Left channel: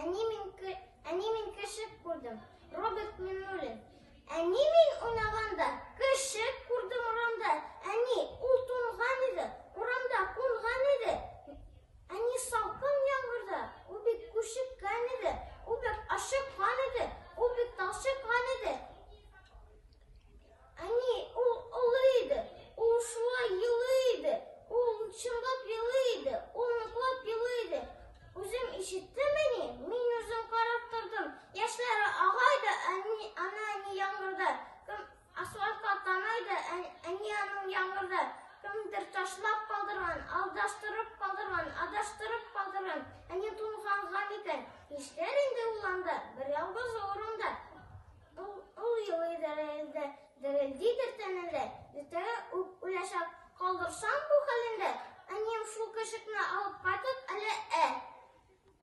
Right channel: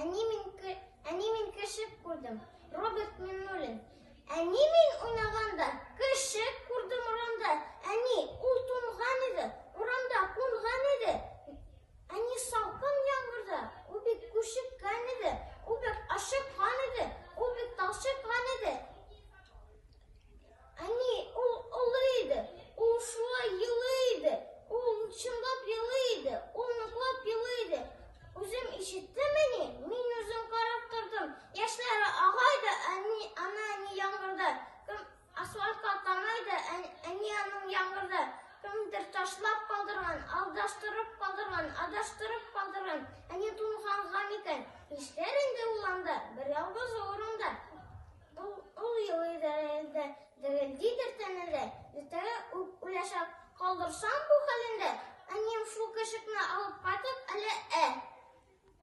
Әне мен кішік көрдім, Роберт Миннулин. Әне мен ұнағанда кішік көрдім ұрамда. Әне ол тоңған еді, ұрамда қонған еді. Әне салқын яңғырда, ол бек көшіккен еді, ол бек ашыққан еді, ол бек талшыққан еді. Әне ол ұлы еді, ол шулай елі еді, ол шындап елі еді, ол нұқлап елі еді. Өзім ишеттім әне, мен өзім қарап тұрдым. Яшлары ағайды, ана әне яңғырда. Кім асфальтқа танайды, әне аның яңғырда. Кімдір ташлап қалдырған, алдастырып қалдырған, адаштырып қалдырған. Әне тұнғанған екен. Ештер енді ұланда, бір ялғыз орында. Ол елі дірілдейдір тәнілі. Ертелі үләшақ қалдырсам бұл халінде. Әнем шу кішікні алып қайтып,